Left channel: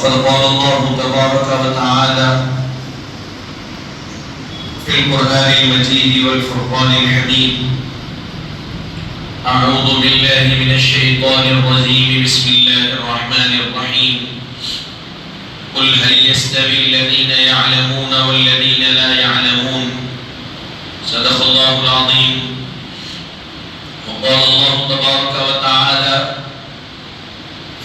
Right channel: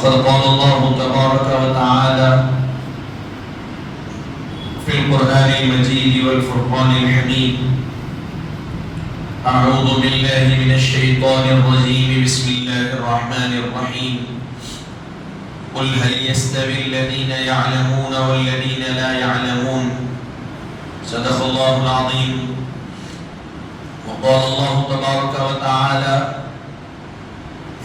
فقد قال الله تبارك وتعالى في القرآن المجيد والفرقان الحميد: أعوذ بالله من الشيطان الرجيم، بسم الله الرحمن الرحيم. قل هل يستوي الذين يعلمون والذين لا يعلمون؟ صدق الله العظيم. وقال الله تبارك وتعالى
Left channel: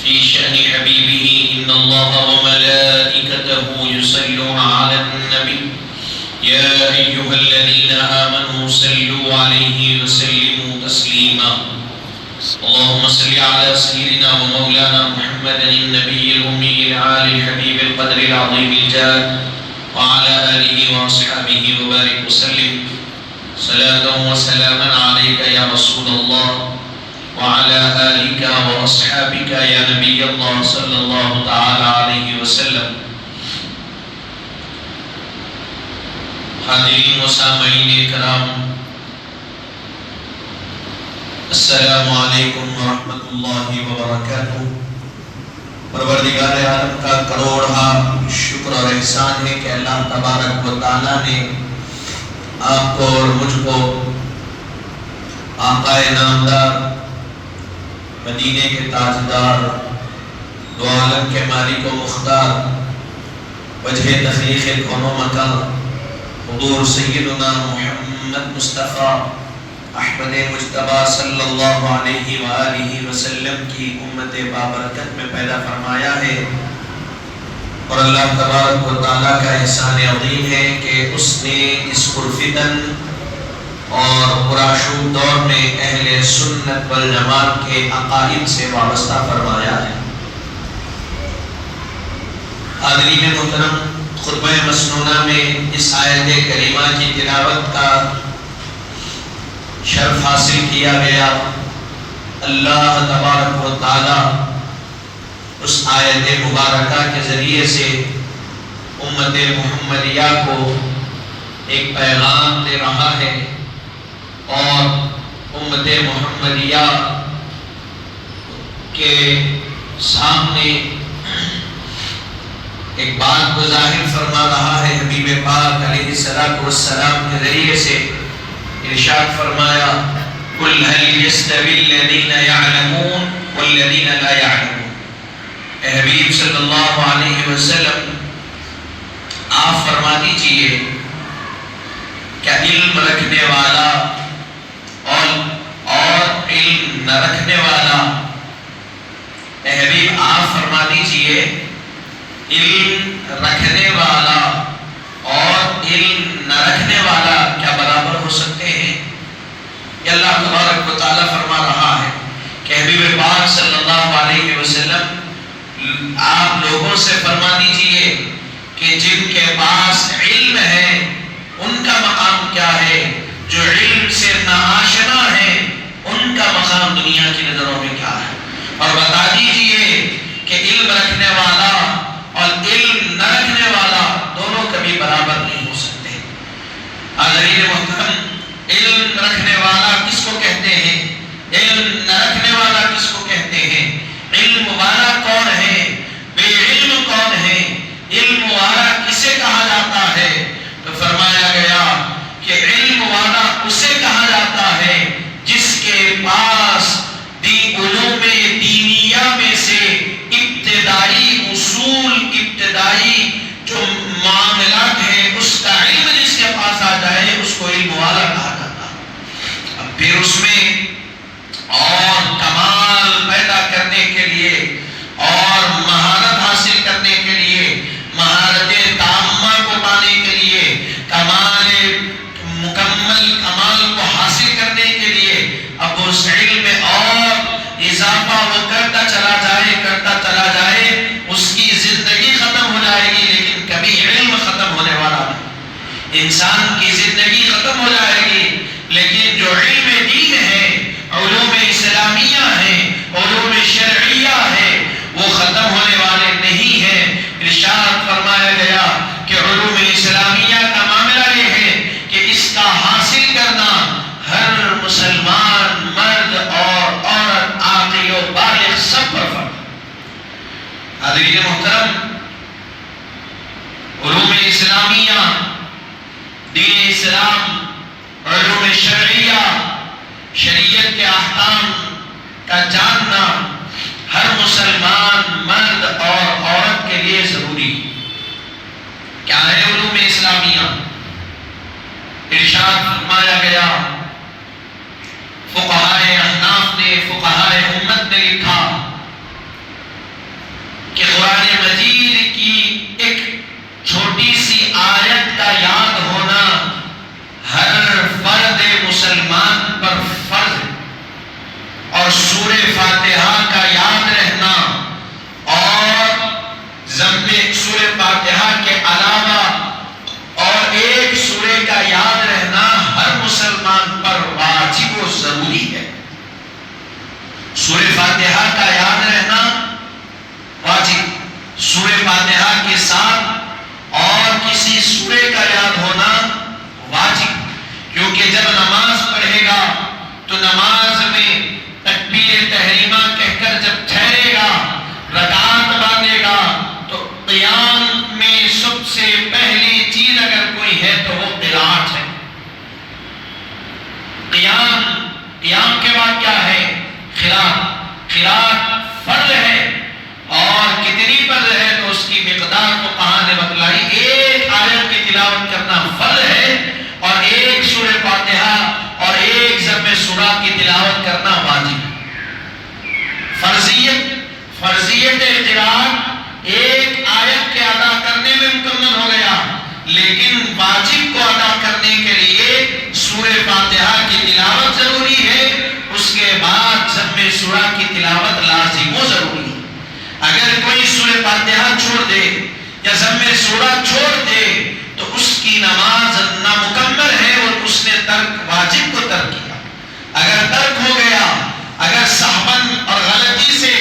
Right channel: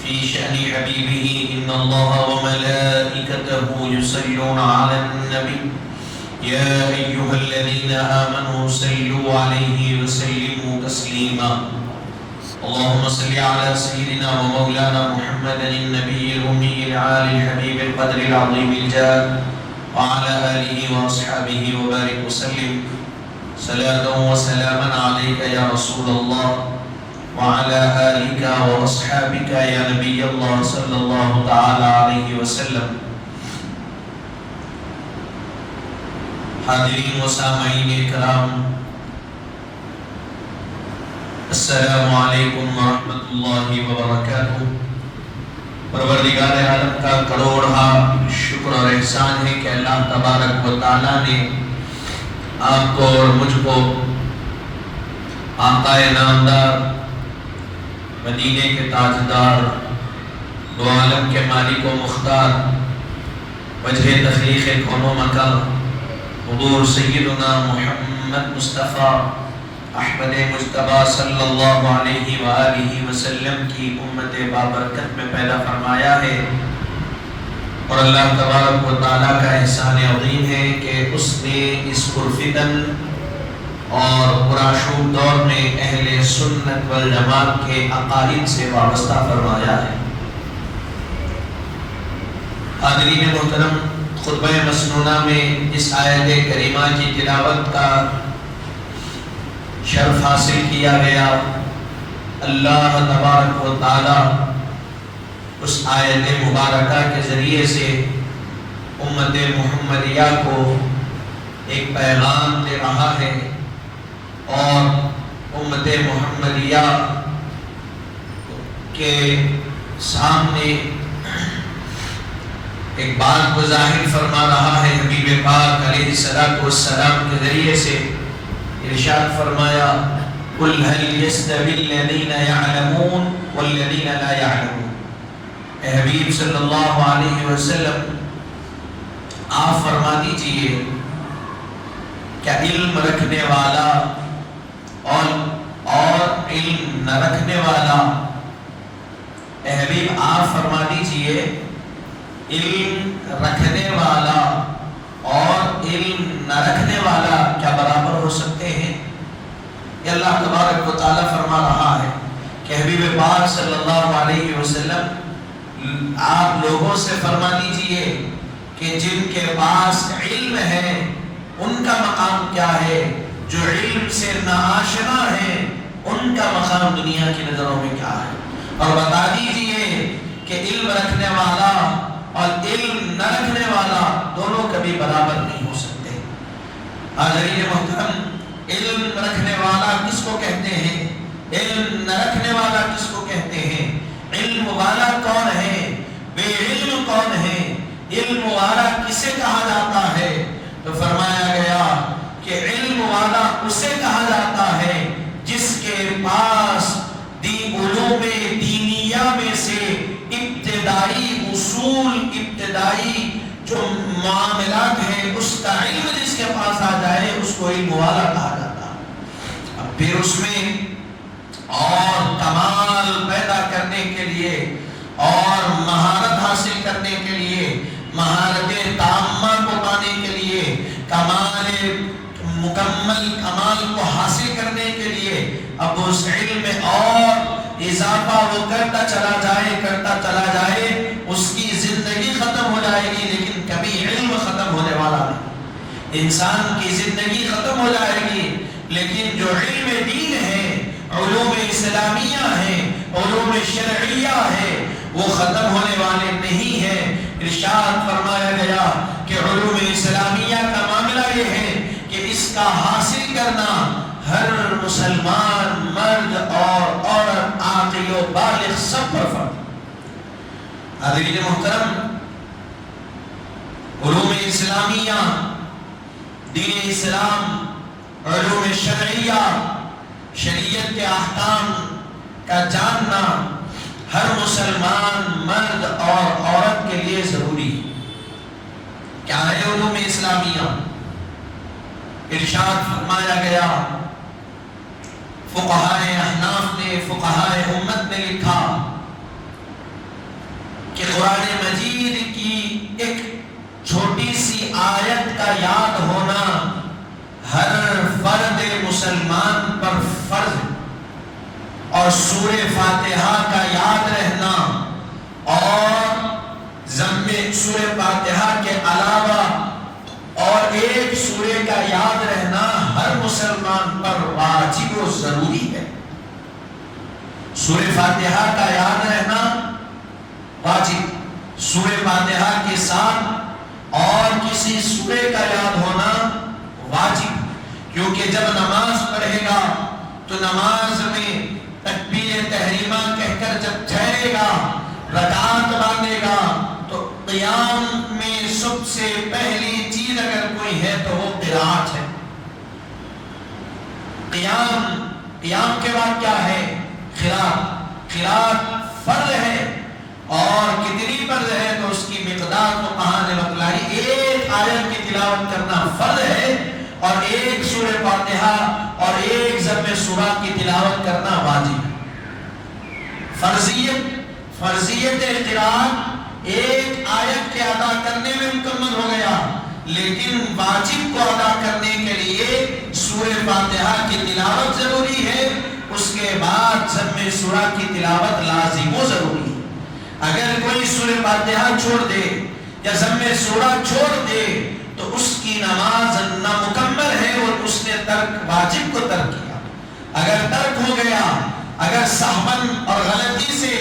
في شأن حبيبه: إن الله وملائكته يصلون على النبي يا أيها الذين آمنوا صلوا عليه وسلموا تسليما. اللهم صل على سيدنا ومولانا محمد النبي الأمي العالي الحبيب القدر العظيم الجاد وعلى آله وأصحابه وبارك وسلم صلاة وسلاما عليك يا رسول الله وعلى آلك وأصحابك يا نبي الله صلى الله تعالى عليه وسلم. حاضرین و سامعین کرام، السلام علیکم ورحمۃ اللہ وبرکاتہ. پروردگار عالم کا کروڑا شکر اور احسان ہے کہ اللہ تبارک و تعالیٰ نے آپ کو اور مجھ کو آقا نامدار، مدینے کے تاجدار، دو عالم کے مالک و مختار، وجہ تخلیق کون و مکان حضور سیدنا محمد مصطفیٰ احمد مجتبیٰ صلی اللہ علیہ وآلہ وسلم کی امت بابرکت میں پیدا فرمایا ہے. اور اللہ تبارک و تعالیٰ کا احسان عظیم ہے کہ اس نے اس پرفتن اور پرآشوب دور میں اہل سنت والجماعت کے عقائد سے وابستہ فرمایا ہے. حاضرین محترم، خطبہ مسنونہ میں اس آیت کریمہ کی تلاوت کا شرف حاصل کیا گیا. اللہ تبارک و تعالی اس آیت مبارکہ کے ذریعے سے امت محمدیہ کو ایک پیغام دے رہا ہے اور امت محمدیہ کے سامنے ایک بات کو ظاہر فرما رہا ہے. حبیب پاک علیہ السلام کے ذریعے سے ارشاد فرمایا: قل هل يستوي الذين يعلمون والذين لا يعلمون. اے حبیب صلی اللہ علیہ وسلم، آپ فرما دیجئے کیا علم رکھنے والا اور علم نہ رکھنے والا، اے حبیب آپ فرما دیجئے علم رکھنے والا اور علم نہ رکھنے والا کیا برابر ہو سکتے ہیں؟ یہ اللہ تبارک و تعالیٰ فرما رہا ہے کہ حبیب پاک صلی اللہ علیہ وسلم آپ لوگوں سے فرما دیجئے کہ جن کے پاس علم ہے ان کا مقام کیا ہے، جو علم سے ناآشنا ہے ان کا مقام دنیا کی نظروں میں کیا ہے، اور بتا دیجئے کہ علم رکھنے والا اور علم نہ رکھنے والا دونوں کبھی برابر نہیں ہو سکتے. حاضرین محترم، علم رکھنے والا کس کو کہتے ہیں؟ علم نہ رکھنے والا کس کو کہتے ہیں؟ علم والا کون ہے؟ بے علم کون ہے؟ علم والا کسے کہا جاتا ہے؟ تو فرمایا گیا کہ علم والا اسے کہا جاتا ہے جس کے پاس علوم دینیہ میں سے ابتدائی اصول، ابتدائی جو معاملات ہیں اس کا علم جس کے پاس آ جائے اس کو علم والا کہا جاتا ہے. اب پھر اس میں اور کمال پیدا کرنے کے لیے اور مہارت حاصل کرنے کے لیے، مہارت تامہ کو پانے کے لیے، کمال مکمل کمال کو حاصل کرنے کے لیے اب اس علم میں اور اضافہ وہ کرتا چلا جائے اس کی زندگی ختم ہو جائے گی لیکن کبھی علم ختم ہونے والا نہیں. انسان کی زندگی ختم ہو جائے گی لیکن جو علم دین ہے، علوم اسلامیہ ہیں، علوم شرعیہ ہیں، وہ ختم ہونے والے نہیں ہیں. ارشاد فرمایا گیا کہ علوم اسلامیہ کا معاملہ یہ ہے کہ اس کا حاصل کرنا ہر مسلمان مرد اور عورت عاقل و بالغ سب پر فرض. حاضرین محترم، علوم اسلامیہ، دین اسلام، علوم شرعیہ، شریعت کے احکام کا جاننا ہر مسلمان مرد اور عورت کے لیے ضروری ہے۔ کیا ہے علوم اسلامیہ؟ ارشاد فرمایا گیا، فقہائے احناف نے، فقہائے امت نے لکھا کہ قرآن مجید کی ایک چھوٹی سی آیت کا یاد ہونا ہر فرد مسلمان پر فرض ہے، اور سورہ فاتحہ کا یاد رہنا اور سورہ فاتحہ کے علاوہ اور ایک سورہ کا یاد رہنا ہر مسلمان پر واجب و ضروری ہے۔ سورہ فاتحہ کا یاد رہنا واجب، سورہ فاتحہ کے ساتھ اور کسی سورہ کا یاد ہونا واجب، کیونکہ جب نماز پڑھے گا تو نماز میں تکبیر تحریمہ کہہ کر جب ٹھہرے گا، رکعت باندھے گا، تو قیام میں سب سے پہلی چیز اگر کوئی ہے تو وہ قرات ہے۔ قیام کے بعد کیا ہے؟ قرات فرض ہے، اور کتنی فرض ہے تو اس کی مقدار تو کہاں نے بتلائی۔ ایک آیت کی تلاوت کرنا فرض ہے، اور ایک سورہ فاتحہ اور ایک ضم سورہ کی تلاوت کرنا واجب ہے۔ فرضیت قرات ایک آیت کے ادا کرنے میں مکمل ہو گیا، لیکن واجب کو ادا کرنے کے لیے سورہ فاتحہ کی تلاوت ضروری ہے، اس کے بعد ضم سورہ کی تلاوت لازم و ضروری ہے۔ اگر کوئی سورہ فاتحہ چھوڑ دے یا ضم سورہ چھوڑ دے تو اس کی نماز نامکمل ہے، اور اس نے واجب کو ترک کیا۔ اگر ترک ہو گیا، اگر سہون اور غلطی سے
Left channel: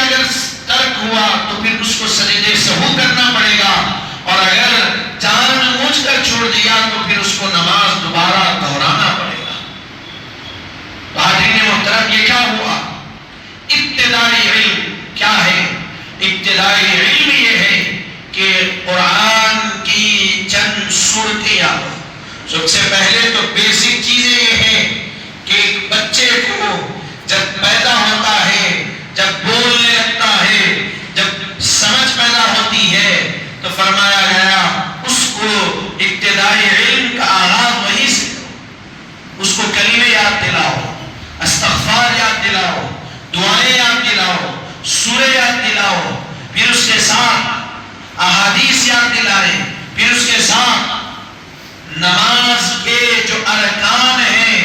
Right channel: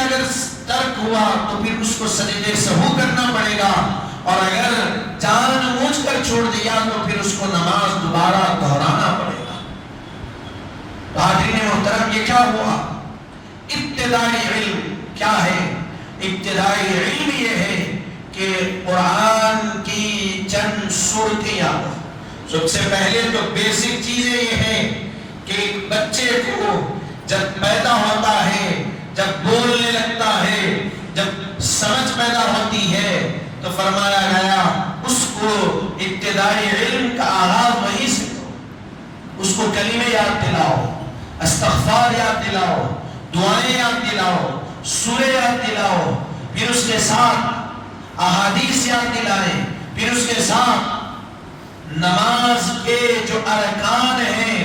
اگر ترک ہوا تو پھر اس کو سجدے سہو کرنا پڑے گا، اور اگر جان بوجھ کر چھوڑ دیا تو پھر اس کو نماز دوبارہ دہرانا پڑے گا۔ تو حاضرین محترم، یہ کیا ہوا؟ ابتدائی علم کیا ہے؟ ابتدائی علم یہ ہے کہ قرآن کی چند صورتیں، سب سے پہلے تو بیسک چیزیں یہ ہیں کہ ایک بچے کو جب پیدا ہوتا ہے، جب بولنے لگتا ہے، جب سمجھ پیدا ہوتی ہے، تو فرمایا گیا اس کو ابتدائی علم کا آغاز وہیں سے کرو۔ اس کو کلمے یاد دلاؤ، استغفار یاد دلاؤ، دعائیں یاد دلاؤ، سورہ یاد دلاؤ، پھر اس کے ساتھ احادیث یاد دلائیں، پھر اس کے ساتھ نماز کے جو ارکان ہیں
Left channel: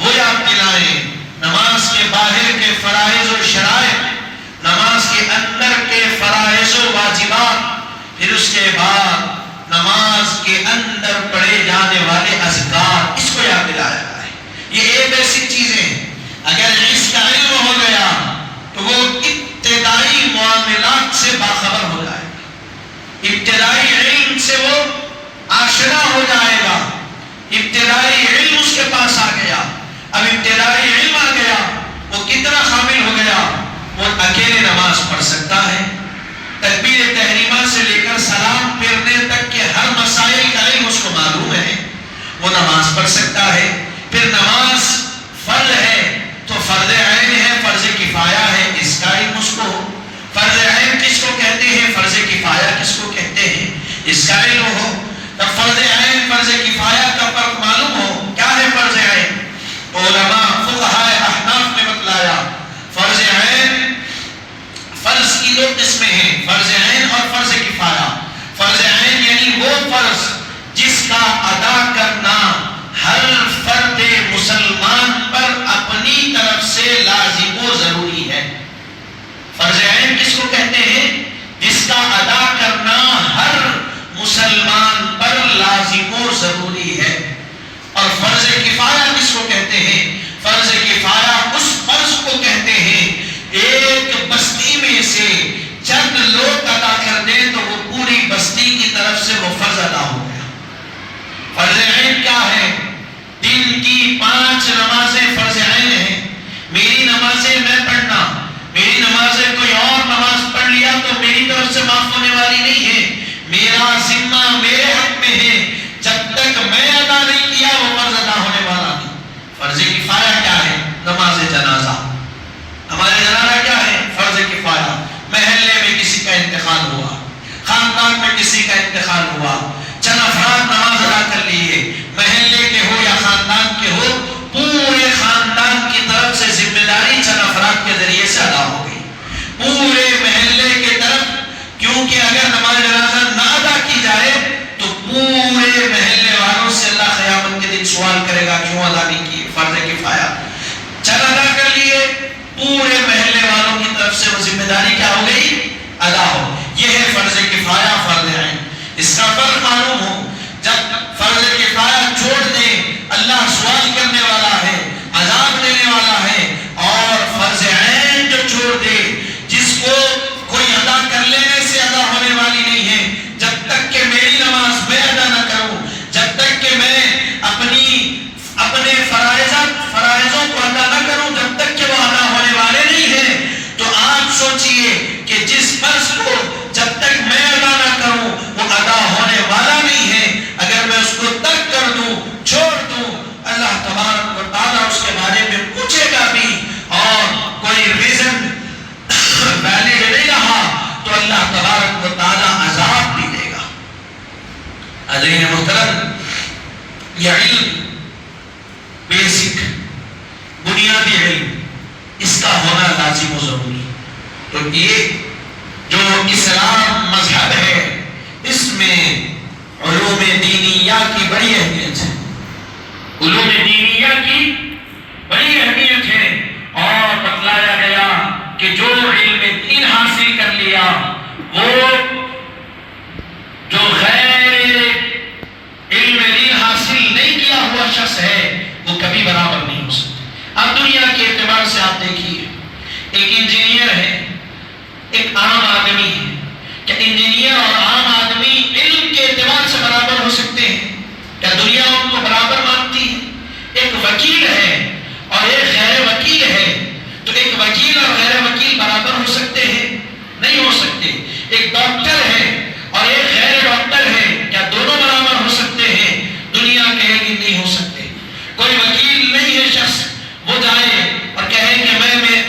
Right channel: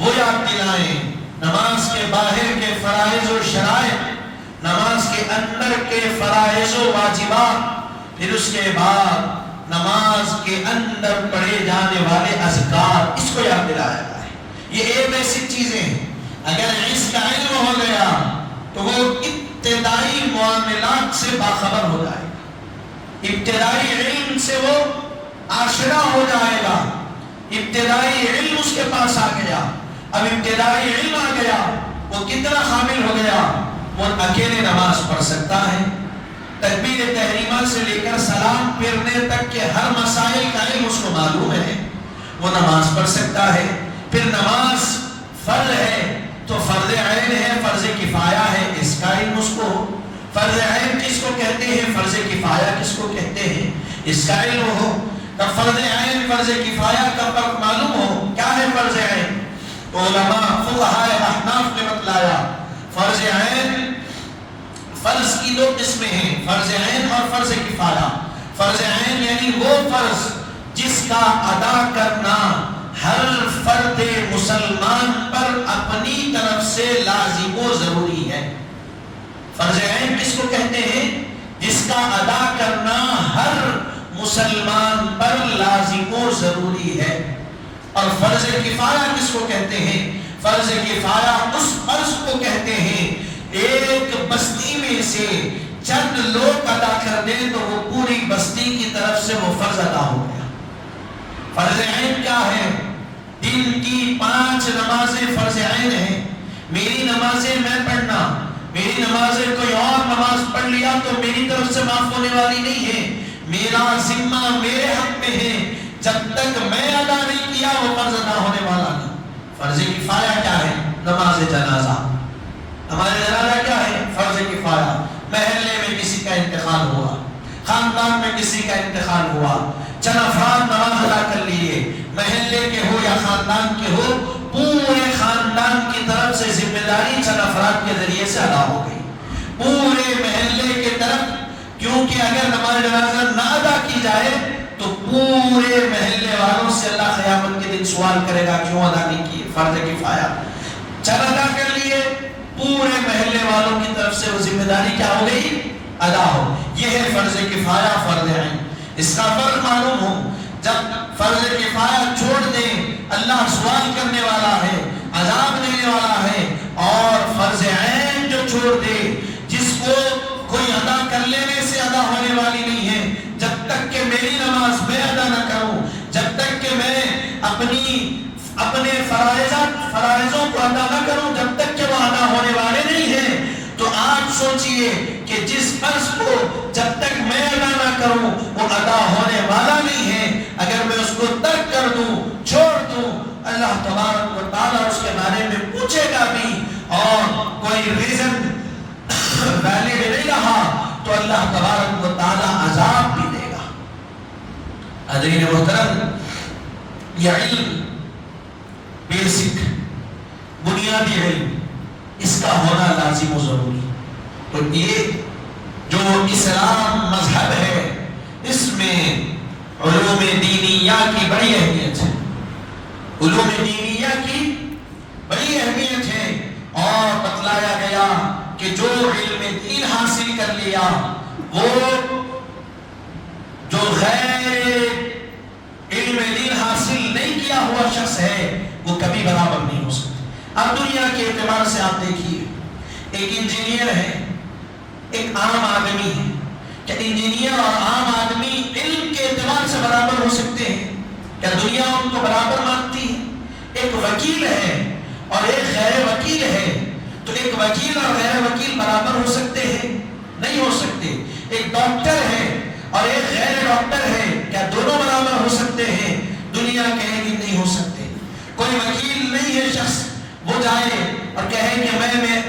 وہ یاد دلائیں، نماز کے باہر کے فرائض و شرائط، نماز کے اندر کے فرائض و واجبات، پھر اس کے بعد نماز کے اندر پڑھے جانے والے اذکار، اس کو یاد دلایا گیا ہے۔ یہ ایک ایسی چیزیں ہیں، اگر اس کا علم ہو گیا تو وہ ابتدائی معاملات سے باخبر ہو جائے گا، ابتدائی علم سے وہ آشنا ہو جائے گا۔ ابتدائی علم اس کے پاس آ گیا، اب ابتدائی علم آ گیا، وہ کتنا شامل ہو گیا؟ وہ اکیلے نماز پڑھ سکتا ہے، تکبیر تحریمہ سے لے کر سلام پھیرنے تک کے ہر مسائل کا علم اس کو معلوم ہے، وہ نماز پڑھ سکتا ہے۔ پھر نماز فرض ہے تو فرض عین ہے، فرض کفایہ ہے، اس کا علم اس کو ہو۔ فرض عین کس کو کہتے ہیں، فرض کفایہ کس کو کہتے ہیں، اس کا علم ہو۔ تب فرض عین فرض کفایہ کا فرق معلوم ہو۔ کیا ہے فرض عین؟ علماء فقہائے احناف نے بتلایا، فرض عین، فرض کی دو قسمیں ہیں، فرض عین اور فرض کفایہ۔ فرض عین یعنی وہ فرض جس کا ادا کرنا ہر فرد مسلمان پر اپنی طرف سے لازم و ضروری ہے۔ فرض عین کس کو کہتے ہیں؟ جس کا ادا کرنا ہر مسلمان پر لازم و ضروری ہے۔ اور فرض کفایہ کس کو کہتے ہیں؟ فرض کفایہ اس فرض کو کہتے ہیں ایک بستی میں سے چند لوگ ادا کر دیں تو وہ پوری بستی کی طرف سے وہ فرض ادا ہو گیا۔ فرض عین کیا ہے؟ دن کی 5 نمازیں فرض عین ہیں، میری نمازیں میں پڑھنا، میری نماز کوئی اور نماز پڑھ لیا تو میری طرف سے معاف ہونے والی نہیں ہے، میرا ذمہ میرے حق میں ہے، جب تک میں ادا نہیں کیا وہ فرض ادا ہونے والا نہیں۔ فرض کفایہ کیا ہے؟ نماز جنازہ۔ ہمارے جنازہ کیا ہے؟ فرض کفایہ۔ محلے میں کسی کا انتقال ہوا، خاندان میں کسی کا انتقال ہوا، چند افراد نماز ادا کر لیے، محلے کے ہو یا خاندان کے ہو، پورے خاندان کی طرف سے ذمہ داری چند افراد کے ذریعے سے ادا ہو گئی، پورے محلے کی طرف، کیونکہ اگر نماز جنازہ نہ ادا کی جائے تو پورے محلے والوں سے اللہ قیامت کے دن سوال کرے گا کیوں ادا نہیں کیے۔ فرض کفایہ چند ادا کر لیے، پورے محلے والوں کی طرف سے وہ ذمہ داری کیا ہو گئی؟ ادا ہو۔ یہ ہے فرض کفایہ، فرض عین۔ اس کا فرق معلوم ہو، جب فرض کفایہ چھوڑ دیں اللہ سوال کرنے والا ہے، عذاب دینے والا ہے، اور فرض عین جو چھوڑ دے جس کو کوئی ادا کر لینے سے ادا ہونے والی نہیں ہے، جب تک کہ میری نماز میں ادا نہ کروں، جب تک کہ میں اپنے فرائضوں کو ادا نہ کروں، جب تک کہ وہ ادا ہونے والے نہیں ہیں، تو آپ سوچئے کہ جس فرض کو جب تک میں ادا نہ کروں وہ ادا ہونے والا نہیں ہے، اگر میں اس کو ترک کر دوں، چھوڑ دوں، اللہ تبارک و تعالیٰ اس کے بارے میں پوچھے گا بھی، اور کوئی ریزن ویلڈ نہیں رہا تو اللہ تبارک و تعالیٰ عذاب بھی دے گا۔ حضرین محترم، یہ علم بیسک بنیادی علم اس کا ہونا لازم و ضروری۔ تو یہ جو اسلام مذہب ہے اس میں علوم دینیہ کی بڑی اہمیت ہے، علوم دینیہ کی بڑی اہمیت ہے، اور بتلایا گیا کہ جو علم دین حاصل کر لیا وہ جو غیر علم دین حاصل نہیں کیا ہوا شخص ہے وہ کبھی برابر نہیں ہو سکتا۔ اب دنیا کے اعتبار سے آپ دیکھیے، ایک انجینئر ہے، ایک عام آدمی ہے، کیا انجینئر اور عام آدمی علم کے اعتبار سے برابر ہو سکتے ہیں؟ کیا دنیا ان کو برابر مانتی ہے؟ ایک وکیل ہے اور ایک غیر وکیل ہے، تو ایک وکیل اور غیر وکیل برابر ہو سکتے ہیں؟ نہیں ہو سکتے۔ ایک ڈاکٹر ہے اور ایک غیر ڈاکٹر ہے، کیا دونوں برابر ہو سکتے ہیں؟ دنیا کہے گی نہیں ہو سکتے۔ کوئی وکیل نہیں ہے شخص، وہ جائے اور کہے کہ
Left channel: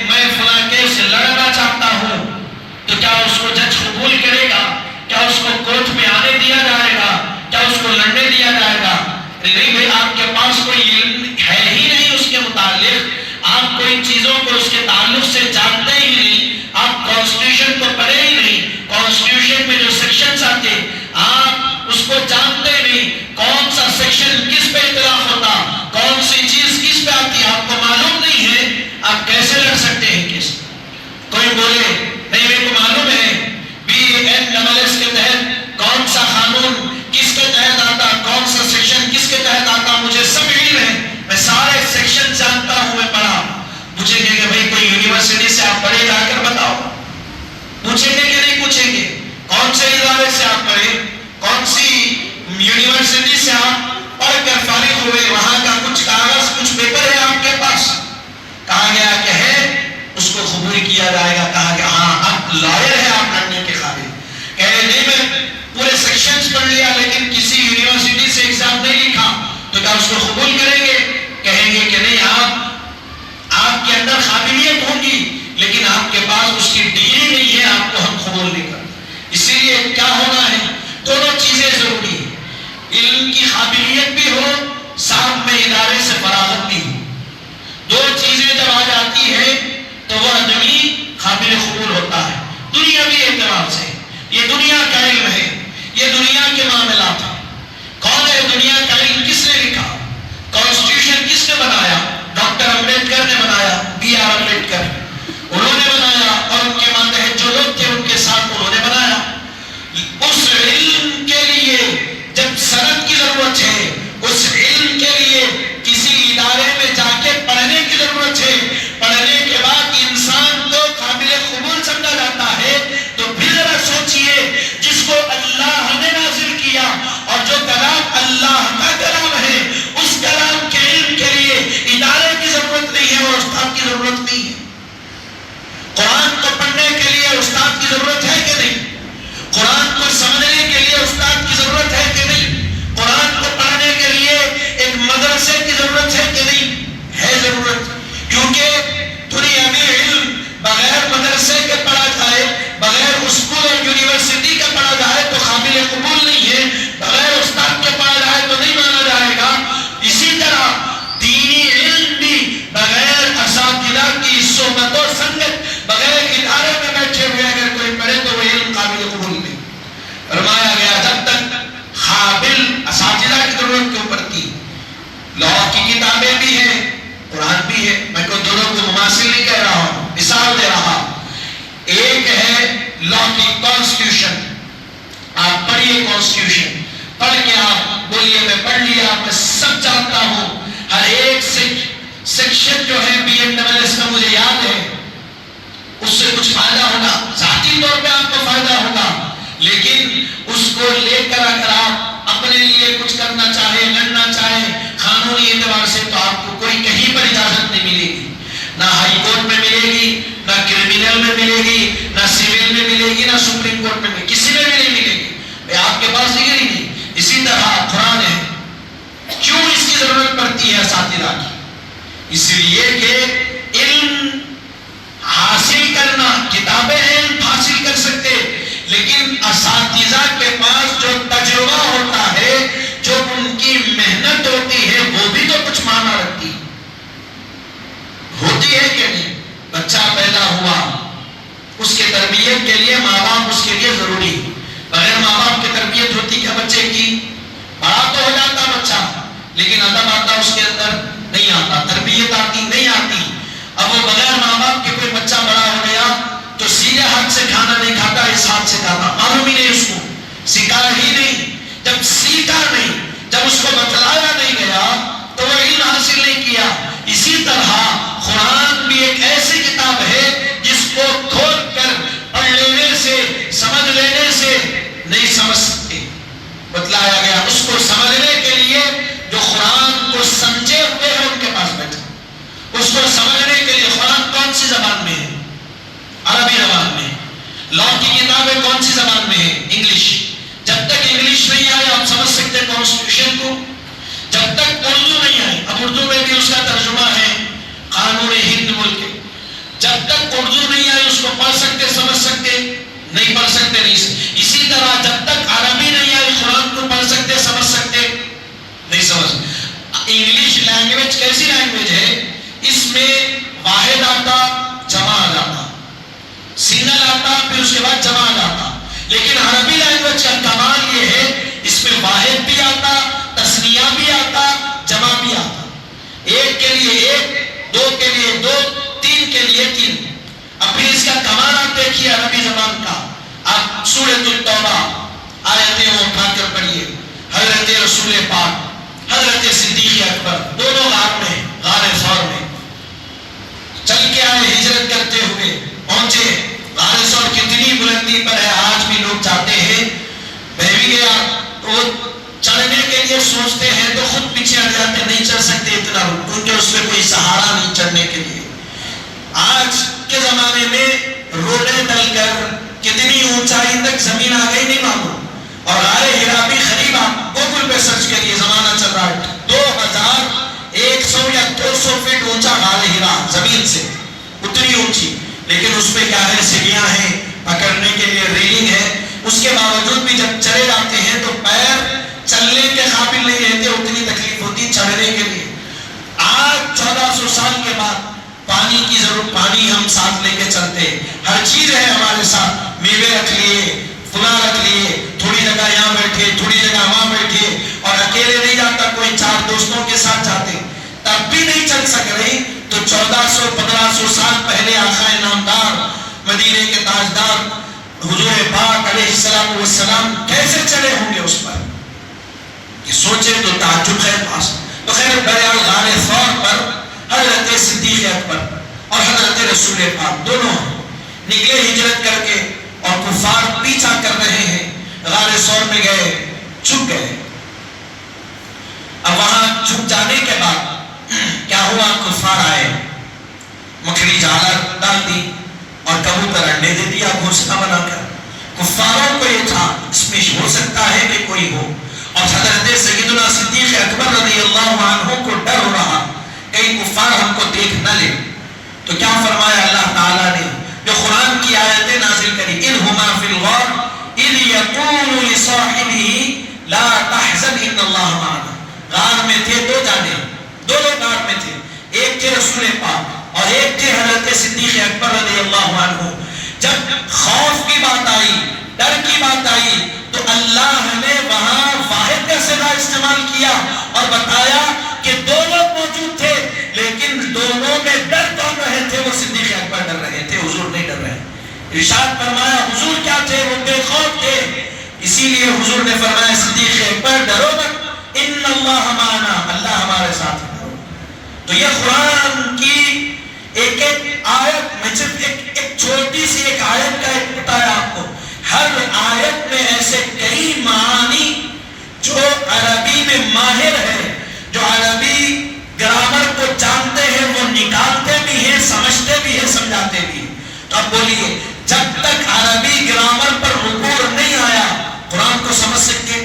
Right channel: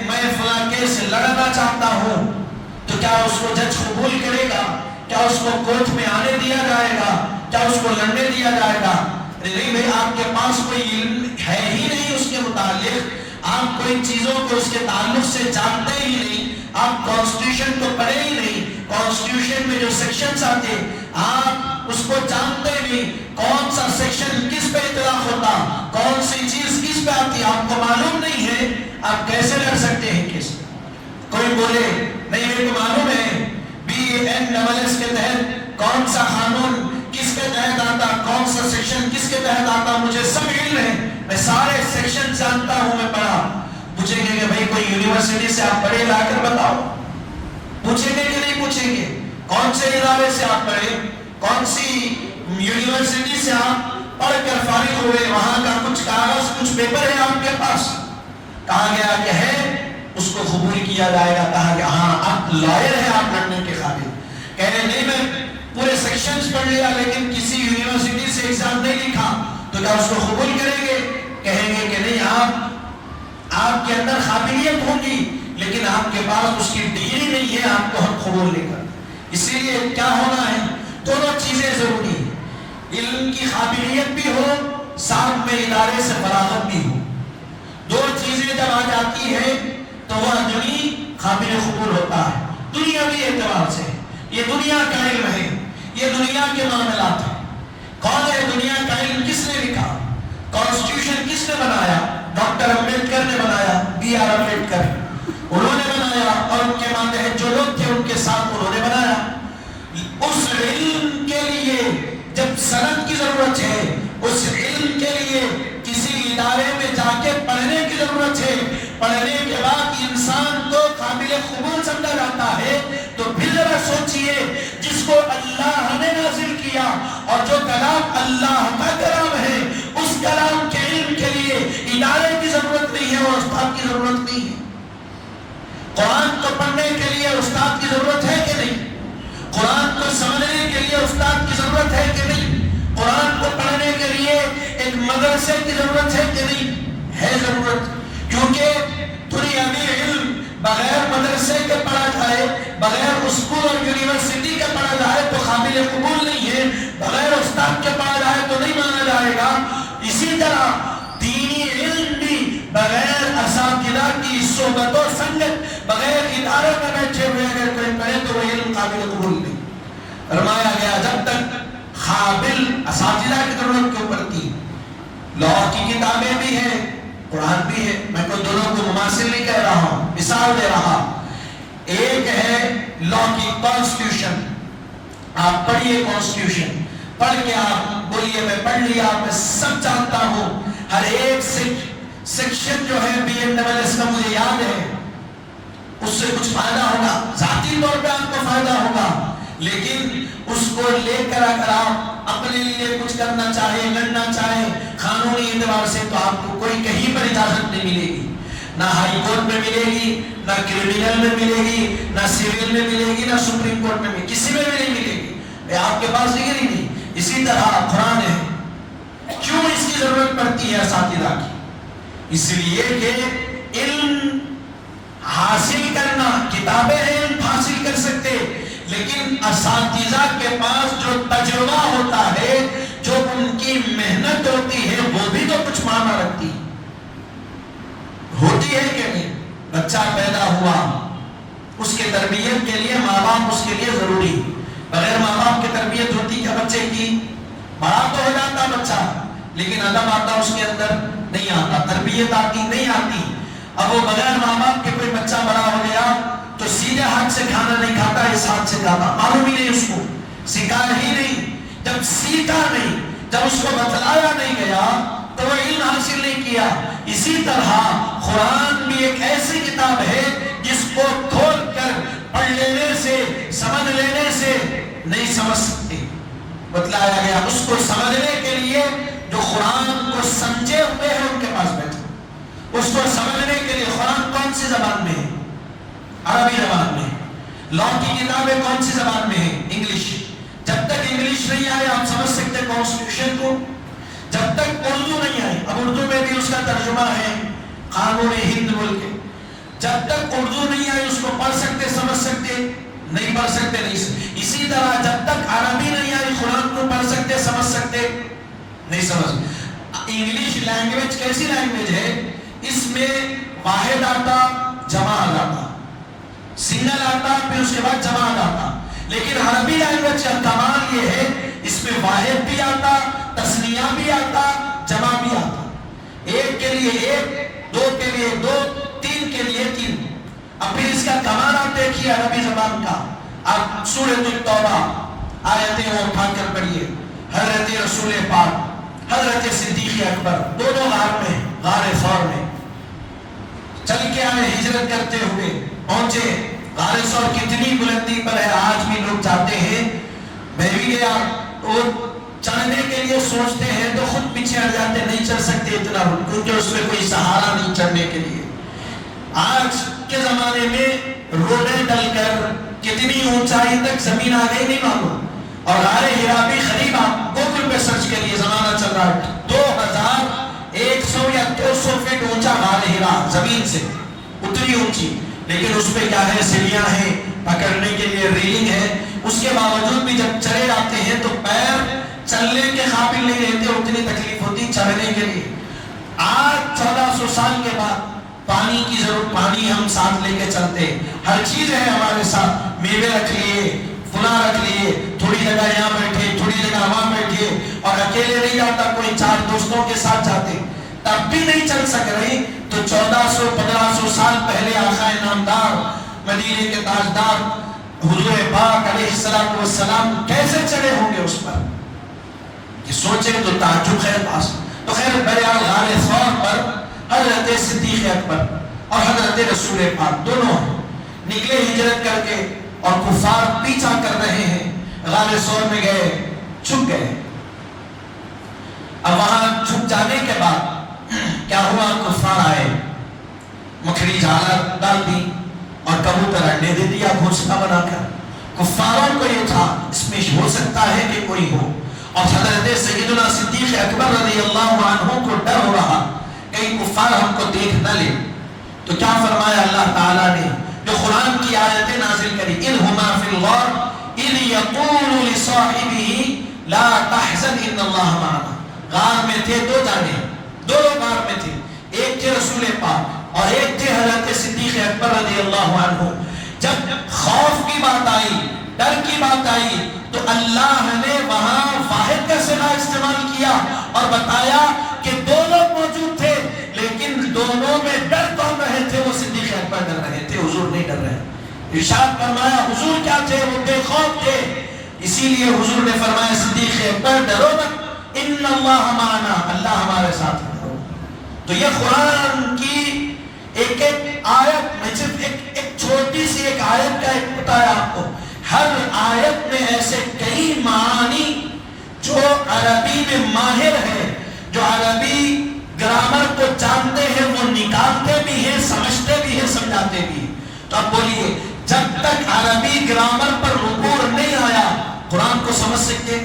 میں فلاں کیس سے لڑنا چاہتا ہوں، تو کیا اس کو جج قبول کرے گا؟ کیا اس کو کورٹ میں آنے دیا جائے گا؟ کیا اس کو لڑنے دیا جائے گا؟ نہیں بھائی، آپ کے پاس کوئی علم ہے ہی نہیں اس کے متعلق، آپ کوئی چیزوں کو اس کے تعلق سے جانتے ہی نہیں، آپ کانسٹیٹیوشن کو پڑھے ہی نہیں، کانسٹیٹیوشن میں جو سیکشنز آتے آپ اس کو جانتے نہیں، کون سا سیکشن کس پہ اطلاق ہوتا، کون سی چیز کس پہ آتی آپ کو معلوم نہیں ہے، آپ کیسے لڑ سکتے ہیں کس؟ کوئی بولے نہیں میرے کو معلوم ہے BNSS کے تحت کون سا قانون کس کے تحت آتا، کون سا سیکشن کس کے تحت آتا، مجھے سب علم ہے، میں سارے سیکشن جانتا ہوں، میں پڑھا۔ پوچھیں گے کہ بھئی کوئی یونیورسٹی سے آپ پڑھے، جا کر بتاؤ، پوچھیں گے کہ نہیں پوچھیں گے؟ کون سے ادارے سے آپ پڑھے، کون سی یونیورسٹی سے آپ پڑھ کر فارغ ہوئے، وہاں کا کچھ کاغذ کچھ پیپر ہے آپ کے پاس؟ کہا گیا کہ ہے، اس کو قبول کیا جائے گا، کہا کہ ہاں اب لائر ہے آپ لڑنے کے قابل۔ کہے نہیں میں پورے سیکشنز پڑھ لیا لیکن کسی یونیورسٹی سے ایگزام نہیں لکھا، تو کیا اس کو قبول کریں گے؟ کہیں گے کہ نہیں، آپ کے اندر قابلیت ہوگی لیکن آپ کے پاس اس کی ڈگری نہیں ہے، آپ کو ہم قبول نہیں کریں۔ اسی لیے کیا ہونا ہے، دونوں چیزیں ضروری ہیں، علم کی قابلیت بھی ہو، ساتھ میں ادارے سے فراغت بھی ہو۔ دو چیزیں جب آ جاتی ہے تو وہ آدمی قابل قبول ہوتا ہے دنیاوی اعتبار سے۔ یہ دنیا کا علم ہے، یہ دنیا کے معاملات ہیں۔ کون ہے دنیا کا علم؟ کس نے لکھا؟ کانسٹیٹیوشن کس نے بنایا؟ ڈاکٹر امبیڈکر نے بنایا، BR امبیڈکر، انہوں نے بنایا، اور ان کے ماتحت جو لوگ تھے ان کے ساتھ انہوں نے بنایا۔ اس علم کے لیے جب سند کی ضرورت ہے، اس علم کے لیے کسی ادارے میں جا کے پڑھنے کی ضرورت ہے، پڑھنے کے بعد انسان کو قابل قبول سمجھا جاتا ہے، تو پھر ذرا سوچئے جس کو اللہ نے نازل کیا اور جو کلام اللہ کا کلام ہے، اس کلام کے علم کے لیے ادارے کی ضرورت نہیں ہے اور استاد کی ضرورت نہیں ہے۔ قرآن استاد کی ضرورت ہے کہ نہیں؟ قرآن کو سمجھنے کے لیے استاد کی ضرورت ہے کہ نہیں؟ قرآن کو پڑھنے کے لیے ایک مدرسے کی ضرورت ہے کہ نہیں؟ ہے ضرورت، کیونکہ دنیا میں علم بغیر مدرسے کے پڑھا جائے، بغیر اسکول اور یونیورسٹی کے پڑھا جائے تو قابل قبول نہیں ہے، بغیر استاد کے پڑھا جائے تو نہیں مانا جائے گا۔ اسی طرح دینی علم بھی بغیر اساتذہ کی صحبت و سنگت، بغیر ادارے میں بیٹھے ہوئے اگر کوئی پڑھے تو وہ علم قابل قبول نہیں۔ فرمایا گیا جب تک قابل اساتذہ کی ضرورت کیوں پڑتی؟ لا کی کتابیں بھی ہیں، قرآن بھی ہے، میں کوئی دونوں کو مماثل نہیں کہہ رہا ہوں، مثال دے رہا۔ ایک ہے لا کی کانسٹیٹیوشن، آپ پڑھیے کانسٹیٹیوشن، پڑھ کے آپ بولیے میں پڑھ لیا، میں سب جانتا ہوں، ہر ایک سیکشن جو ہے بی ایڈ ڈبل ایس کا مجھے یاد ہے، اس سے کچھ فائدہ ہوگا، ذاتی طور پہ آپ کو فائدہ ہوگا، لیکن اس کو لے کر اگر آپ اپنے لیے کچھ کرنا چاہے، لڑنا چاہے قانونی اعتبار سے، تو آپ کو کوئی کہیں پر اجازت نہیں ملے گی، نہ ہائی کورٹ میں ملے گی، نہ کرمینل میں ملے گی، نہ سیول میں ملے گی، نہ سپریم کورٹ میں، کسی میں بھی نہیں ملے گی، آپ کے پاس ڈگری نہیں۔ اسی طرح قرآن ہے، کیوں اس کی ضرورت پڑتی ہے اساتذہ کی؟ اس لیے کہ علم حاصل کرنا، کتابیں علم حاصل کر سکتے، لیکن اساتذہ کے پاس جو تجربہ ہوتا ہے، جو ان کی محنت ہوتی ہے، وہ بھی تو کچھ معنی رکھتی ہوتی ہے کہ نہیں؟ بچہ پیدا ہوا، اس کے تربیت کے لیے ماں باپ اس کے لیے ضروری، بغیر ماں باپ کی تربیت ہوتی کیا بچے کی؟ بڑا تو ہو جاتا بچہ، لیکن ادب آتا اس کے اندر نہیں آتا، تربیت آتی نہیں آتی۔ اب وہ بغیر ماں باپ کے کوئی بچہ بڑا ہو گیا تو سیدھے ہاتھ سے کھانا نہیں کھاتا، اس ہاتھ سے کھاتا، معلوم ہی نہیں، اس کو سکھایا ہی نہیں۔ جب سیکھا نہیں، جب اس کو بتلایا نہیں گیا تو وہ علم حاصل نہیں کیا۔ اسی طرح قرآن بھی ایک ایسی کتاب ہے جس کو کھول کر پڑھ لینے سے، سمجھ لینے سے نہیں سمجھ سکتے، بتلایا گیا۔ اس کو سمجھنے کے لیے جو قرآن کو سمجھے ہوئے ہیں ان کے پاس بیٹھے، اس کو سمجھنے کے لیے قرآن کون سی زبان میں ہے؟ عربی زبان میں۔ لا کی کتابیں کون سی زبان میں ہے؟ انگلش۔ جب تک انگلش نہیں آئے آپ سمجھ سکتے کانسٹیٹیوشن کو، جب تک اردو نہیں آئے، اب اردو میں بھی اس کا ترجمہ ہے قانون ہند بول کے، جب تک اردو نہیں آئے اس کو پڑھ سکتے، سمجھ سکتے نہیں، پڑھ سکتے نہیں۔ اسی طرح جب تک عربی نہیں آئی قرآن کو پڑھ سکتے، سمجھ سکتے نہیں، سمجھ۔ انگلش لینگویج کیسی لینگویج ہے؟ اس میں واحد آتا، جمع آتا، سنگل آتا، پھر اس کے بعد جمع آتا، لیکن عربی لینگویج کا کمال یہ ہے اس میں واحد بھی آتا، تثنیہ بھی آتا، جمع بھی آتا، ایک کے لیے ایک، دو کے لیے دو، تین کے لیے تین۔ اب پھر اس کا کمال آپ دیکھیے عربی زبان کا، آپ سورۃ التوبہ آیتیں وہ اٹھا کر پڑھیے، حضرت رسول پاک، حضرت صدیق اکبر دونوں غار میں، غار ثور میں چل کے آئے، ہجرت کرتے ہوئے پہنچے۔ غار ثور کتنی بلندی پر ہے، آج بھی لوگ جاتے ہیں، میں بھی گیا، وہ چڑھنے کے لیے سوچتے ہیں تو خود پیچھے ہٹ جاتے، نہیں چڑھ سکتے اتنا، کیونکہ اس میں کوئی سہارا نہیں چڑھنے کے لیے۔ آج کے زمانے میں روڈیں ڈل کر کتنی اونچائی تک زمین آ گئی نہیں معلوم، اور غار ہرا بھی قریب، آپ گوگل پہ سرچ کریے، زمانہ چل رہا ہے 2100 یا 200 فٹ اونچا غار ہرا زمین سے، اتنی اونچی، لیکن اس پہ کیا ہے؟ سیڑھیاں ہیں، پکڑنے کے لیے ریلنگ ہے، اس کے باوجود بھی جب چلے جاتے ہیں تو پیر چلنے کے قابل نہیں رہتے، اتنی تکلیف ہوتی چڑھنے کے لیے۔ آج 1400 سال کے بعد پانی کی ضرورت، پانی ہم ساتھ لے کے چلتے، ہر چیز ہے ہمارے ساتھ، میوے رکھ لیے، پھلا رکھ لیے، تھوڑی جگہ یہاں بیٹھے، تھوڑی جگہ وہاں بیٹھے، اور اکیلے نہیں جاتا، کوئی 4 دوستوں کے ساتھ جاتے، تب بھی نہیں چل سک رہے، تو 1400-1500 سال پہلے آقا نامدار، مدینے کے تاجدار حضور پاک علیہ السلام کیسے چلے ہوں گے اس پر؟ کہ سوچیں تو تعجب ہے پاس۔ تو خیر بہرحال غار ثور پر حضرت صدیق اکبر اور حضرت رسول پاک دونوں نکلے ہجرت کر کے، اور کفار پیچھا کر رہے ہیں، غار ثور میں گئے، چھپ گئے۔ اب وہاں چھپ جانے کے بعد کیا ہوا؟ کفار آئے، مکھری جال ڈال دی اور کبوتر انڈے دے دیا گھونسلہ بنا کر. کفاروں کو یہ تھا اس میں ہو سکتا ہے کہ کوئی ہو. اور حضرت سیدنا صدیق اکبر رضی اللہ عنہ کو ڈر ہو رہا کہیں کفار ہم کو دیکھ نہ لے. تو کیا فرمایا اللہ تعالیٰ نے جو قرآن کی آیتیں نازل کری, اِنْهُمَا فِي الْغَارِ اِذْ يَقُولُ لِصَاحِبِهِ لَا تَحْزَنْ إِنَّ اللَّهَ مَعَنَا. غار میں تھے دو جانے, دو لوگ غار میں تھے, ایک تھے رسول پاک اور ایک تھے حضرت صدیق اکبر رضی اللہ عنہ. جب خوف کی بات آئی, ڈر کی بات آئی, تو اللہ نے وہاں واحد کا صیغہ استعمال کیا اور بتایا کہ دو لوگ موجود تھے لیکن دونوں میں ڈر کون رہے تھے؟ وہ صدیق اکبر ڈر رہے تھے, حضور نہیں ڈر رہے. ارشاد فرمایا حضور کیا تھے؟ وہ بے خوف تھے. اسی لیے حضور نے فرمایا صدیق اکبر ڈرو مت, ان اللہ معنا, اللہ ہمارے ساتھ ہے. تو یہ قرآن کی ایک ایک آیت, میں صرف ایک چھوٹی سی ایک آیت کا ایک بتایا آپ کو. ہر آیت میں ایسے کئی معانی جو عربی میں ماہر ہے, جو عربی گرامر کو جانتے ہیں, وہ نکالتے بھی ہیں, سمجھتے بھی ہیں, سمجھاتے بھی ہیں. تو اب بولیے, جب تک عربی گرامر پر رکوع نہیں آیا قرآن کو سمجھ سکتے؟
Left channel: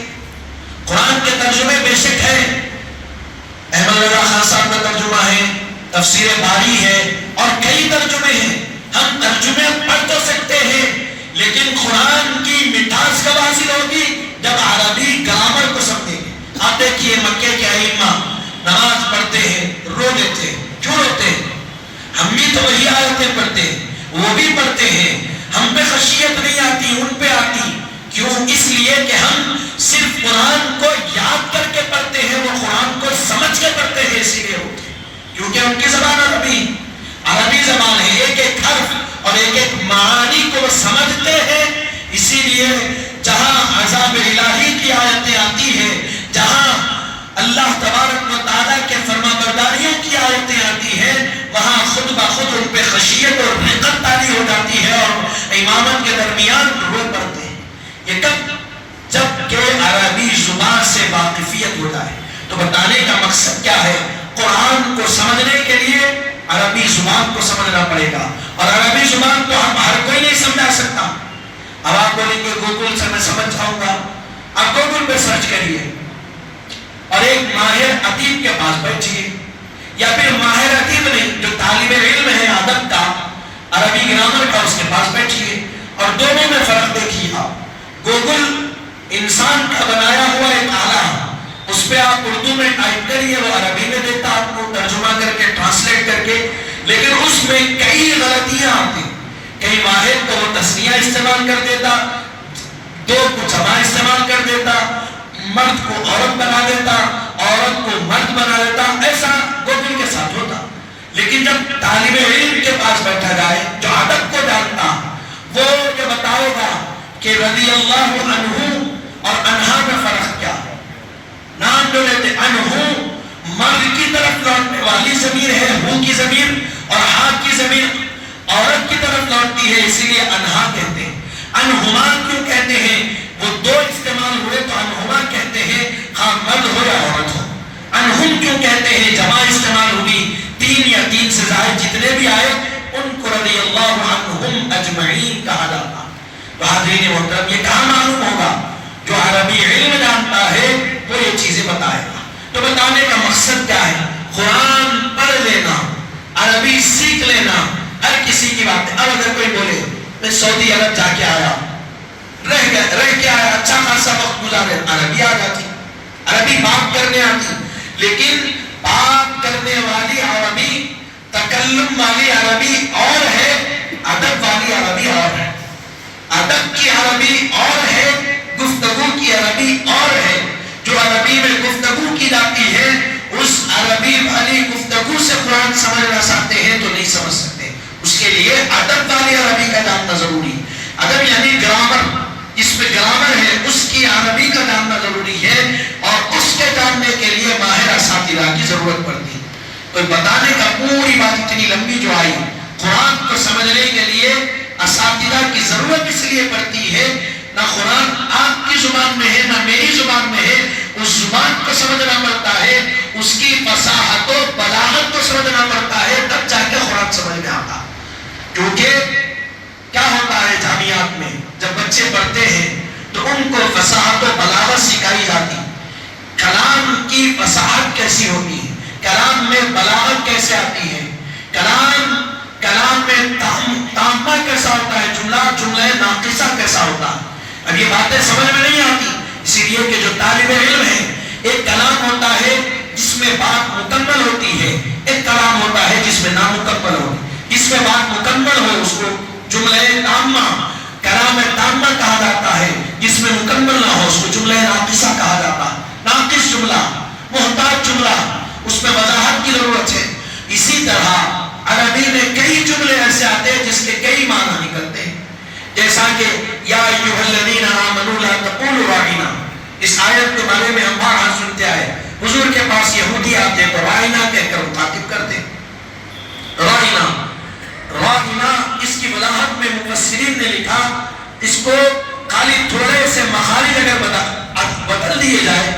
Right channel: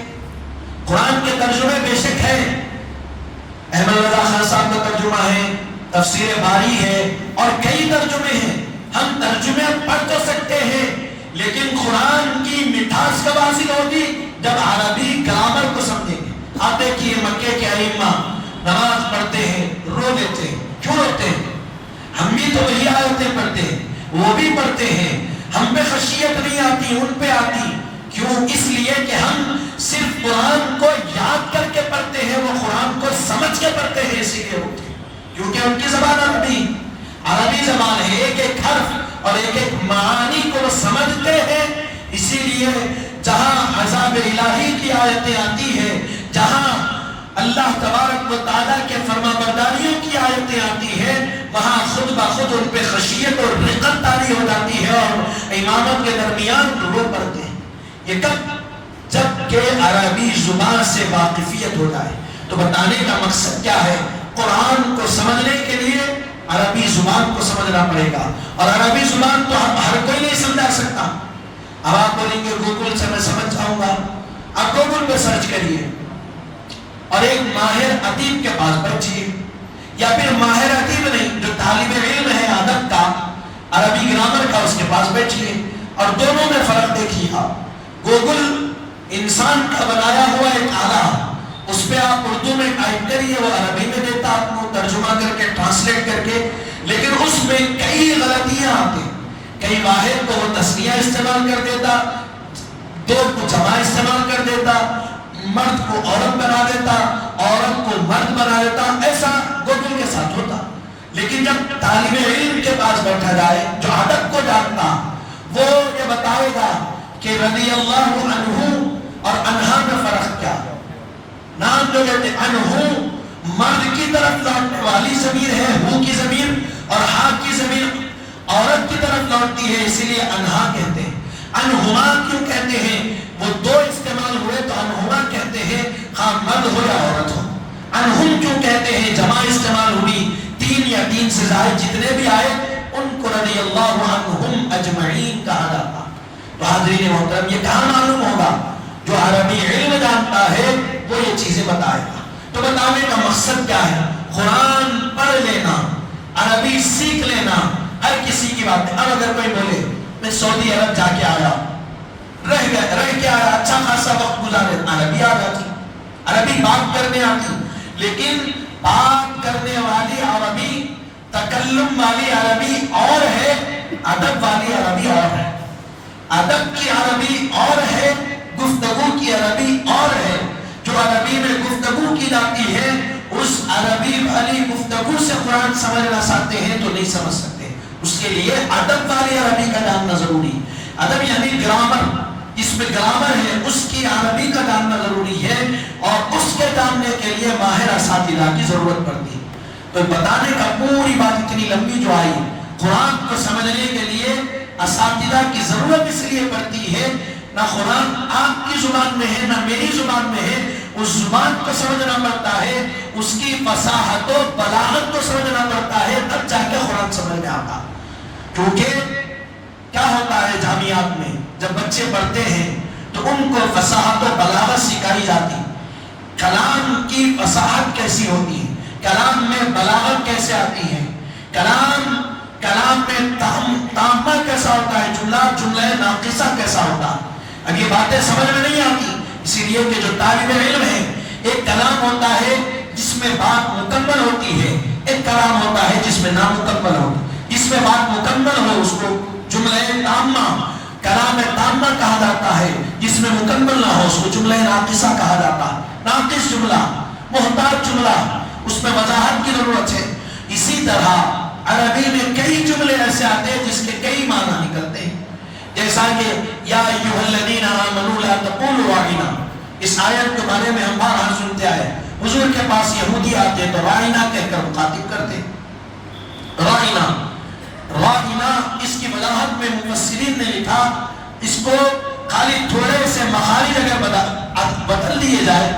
قرآن کے ترجمے بے شک ہے, احمد رضا خان صاحب کا ترجمہ ہے, تفسیر باری ہے اور کئی ترجمے ہیں. ہم ترجمے پڑھ تو سکتے ہیں لیکن قرآن کی مٹھاس کب حاصل ہوگی؟ جب عربی گرامر کو سمجھیں گے. آپ دیکھیے مکے کے ائمہ نماز پڑھتے ہیں, رو لیتے ہیں. کیوں روتے ہیں؟ ہم بھی تو وہی آیتیں پڑھتے ہیں, وہ بھی پڑھتے ہیں, ہم پہ خشیت نہیں آتی, ان پہ آتی. کیوں؟ اس لیے کہ ہم صرف قرآن کو یاد کر کے پڑھتے ہیں, وہ قرآن کو سمجھ کے پڑھتے ہیں. اسی لیے روتے ہیں کیونکہ ان کی زبان عربی زبان ہے, ایک ایک حرف اور ایک ایک معانی کو وہ سمجھتے ہیں. اسی لیے جہاں عذاب الہی کی آیتیں آتی ہیں, جہاں اللہ تبارک و تعالیٰ کے فرما برداریوں کی آیتیں آتی ہیں, وہاں خود بخود ان پہ خشیت اور رقت طاری ہو جاتی ہے اور امامت کے درمیان رو پڑتے ہیں. یہ کب؟ جب کہ عربی زبان سے واقفیت ہو جائے. تو بتانے کا مقصد کیا ہے؟ قرآن کو سمجھنے کے لیے عربی زبان کو سمجھنا پڑے گا, اور عربی زبان تو ہر کوئی نہیں سمجھا سکتا. اب آپ بولیں گے گوگل سے میں سمجھ جاؤں گا, آپ گوگل پہ سرچ کریے اور ایک ماہر ادیب کے پاس بیٹھیے, یا پھر ماہر ادیب نہیں, جو طالب علم ہے ادب کا, عربی گرامر کا, اس کے پاس بیٹھیے اور دونوں میں فرق دیکھیے. آپ گوگل انسان کا بنایا ہوا ایک آلہ, اس پہ آپ اردو میں ٹائپ کریے, وہ عربی میں دیتا آپ کو ترجمہ کر کے, ٹرانسلیٹ کر کے, لیکن اس میں کئی غلطیاں آتی. کئی واحد کو وہ تسنیہ استعمال کر دیتا, دو کو جمع استعمال کر دیتا, مرد کو عورت بنا دیتا, عورت کو مرد بنا دیتا. ایسا گوگل کے ساتھ ہوتا. لیکن جب طالب علم کے پاس بیٹھا جائے جو ادب کو جانتا, وہ یہ بتائے گا کہ رضی اللہ عنہ اور عنہا میں فرق کیا ہے. نام جو لیتے عنہ مرد کی طرف لوٹنے والی ضمیر ہے, ہو کی ضمیر, اور ہا کی ضمیر عورت کی طرف لوٹتی ہے, اسی لیے انہا کہتے ہیں. انہما کیوں کہتے ہیں؟ وہ دو استعمال ہوئے تو انہما کہتے ہیں, خواہ مرد ہو یا عورت ہو. انہم کیوں کہتے ہیں؟ جمع استعمال ہوئی, تین یا تین سے زائد جتنے بھی آئے ان کو رضی اللہ عنہم اجمعین کہا جاتا. تو حاضرین محترم, یہ کہاں معلوم ہوگا؟ جو عربی علم جانتا ہے وہ یہ چیزیں بتائے گا. تو بتانے کا مقصد کیا ہے؟ قرآن پڑھ لینا, عربی سیکھ لینا, ہر کسی کی بات ہے. اب اگر کوئی بولے میں سعودی عرب جا کے آیا, رہ کے آیا, اچھا خاصا وقت گزارے, عربی آ جاتی, عربی بات کرنے آتی, لیکن بات کرنے والی عربی, تکلم والی عربی اور ہے, ادب والی عربی اور ہے. ادب کی عربی اور ہے, گفتگو کی عربی اور ہے. جو عربی میں گفتگو کی جاتی ہے, اس عربی والی گفتگو سے قرآن سمجھنا چاہتے ہیں تو نہیں سمجھ سکتے. اس کے لیے ادب والی عربی کا جاننا ضروری. ادب یعنی گرامر, اس میں گرامر ہے, اس کی عربی کا جاننا ضروری ہے, اور اس کے جاننے کے لیے ماہر اساتذہ کی ضرورت پڑتی. تو بتانے کا پوری بات اتنی لمبی جو آئی, قرآن کو سمجھنے کے لیے اساتذہ کی ضرورت اس لیے پڑتی ہے. نہ قرآن آپ کی زبان میں ہے نہ میری زبان میں ہے, اس زبان کو سمجھنا پڑتا ہے, اس کی فصاحت و بلاغت کو سمجھنا پڑتا ہے, تب جا کے قرآن سمجھ میں آتا. کیونکہ کیا ہوتا ہے جامعات میں جب بچے پڑھتے ہیں تو ان کو فصاحت و بلاغت سکھائی جاتی، کلام کی فصاحت کیسی ہوتی ہے، کلام میں بلاغت کیسے آتی ہے، کلام میں تامہ کیسا ہوتا ہے، جملہ ناقصہ کیسا ہوتا ہے. اب یہ باتیں سمجھ میں نہیں آتی، اسی لیے کہ جو طالب علم ہے، ایک کلام ہوتا ہے جس میں بات مکمل ہوتی ہے، ایک کلام ہوتا ہے جس میں نامکمل ہوتی ہے. جس میں بات مکمل ہو اس کو جملہ تامہ، کلام تامہ کہا جاتا ہے. جس میں مکمل نہ ہو اس کو جملہ ناقصہ کہا جاتا ہے. ناقص جملہ، محتاج جملہ، اس میں وضاحت کی ضرورت ہے. اسی طرح عربی میں کئی جملے ایسے آتے ہیں جس کے کئی معنی نکلتے ہیں، جیسا کہ یا ایھا الذین آمنوا لا تقولوا راعنا. اس آیت کے بارے میں ہم بار سنتے آئے، حضور کے پاس یہودی آتے تو راعنا کہہ کر مخاطب کرتے. راعنا اس کی وضاحت میں مفسرین نے لکھا، اس کو خالی تھوڑے سے مخارج اگر بدل دیے جائے،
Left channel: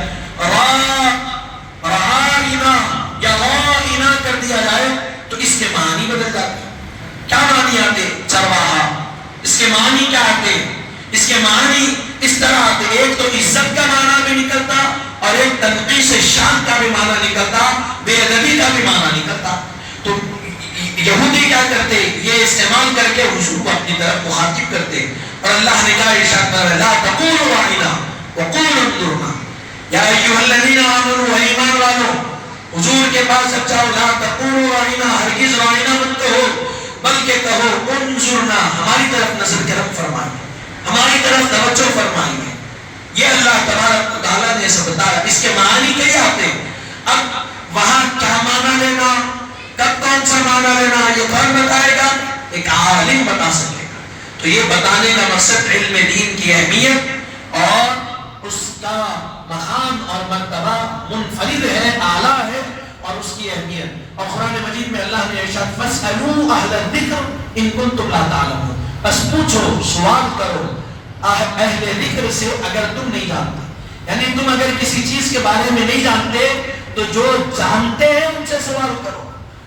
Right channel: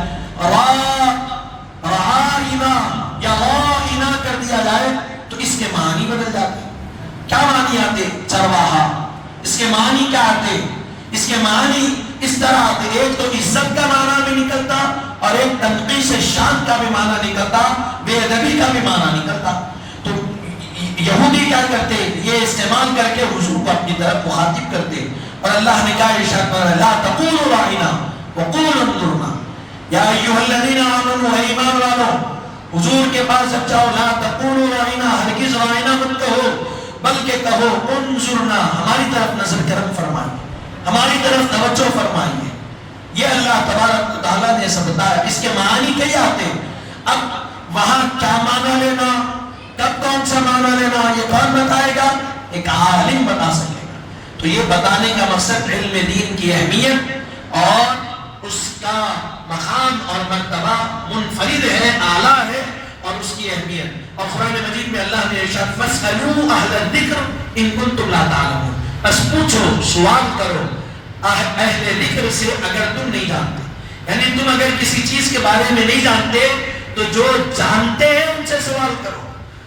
راعنا یا راعنا کر دیا جائے تو اس کے معنی بدل جاتے. کیا معنی آتے؟ چرواہا. اس کے معنی کیا آتے؟ اس کے معنی اس طرح آتے، ایک تو عزت کا معنی بھی نکلتا اور ایک تنقیص شان کا بھی معنی نکلتا، بے ادبی کا بھی معنی نکلتا. تو یہودی کیا کرتے؟ یہ استعمال کر کے حضور کو اپنی طرف مخاطب کرتے، اور اللہ نے کہا ارشاد کر لا تقولوا راعنا وقولوا انظرنا. یا ایھا الذین آمنوا، اے ایمان والو، حضور کے پاس جب جاؤ لا تقولوا راعنا، ہرگز راعنا مت کہو، بلکہ کہو انظرنا، ہماری طرف نظر کرم فرمائیے، ہماری طرف توجہ فرمائیے. یہ اللہ تبارک و تعالیٰ نے ایسا بتایا. اس کے معنی کیا آتے؟ اب وہاں کیا معنی لینا، کب کون سا معنی لینا، یہ کون بتائے گا؟ ایک عالم بتا سکے گا. تو یہ بتانے کا مقصد علم دین کی اہمیت اور اس کا مقام اور مرتبہ منفرد ہے، اعلیٰ ہے، اور اس کی اہمیت. اور قرآن مجید میں اللہ نے ارشاد فاسألوا اہل الذکر ان کنتم لا تعلمون، بس پوچھو، سوال کرو اہل ذکر سے اگر تم نہیں جانتے. یعنی تم اگر کسی چیز کے بارے میں نہیں جانتے تو جو جانتے ہیں ان سے سوال کرو.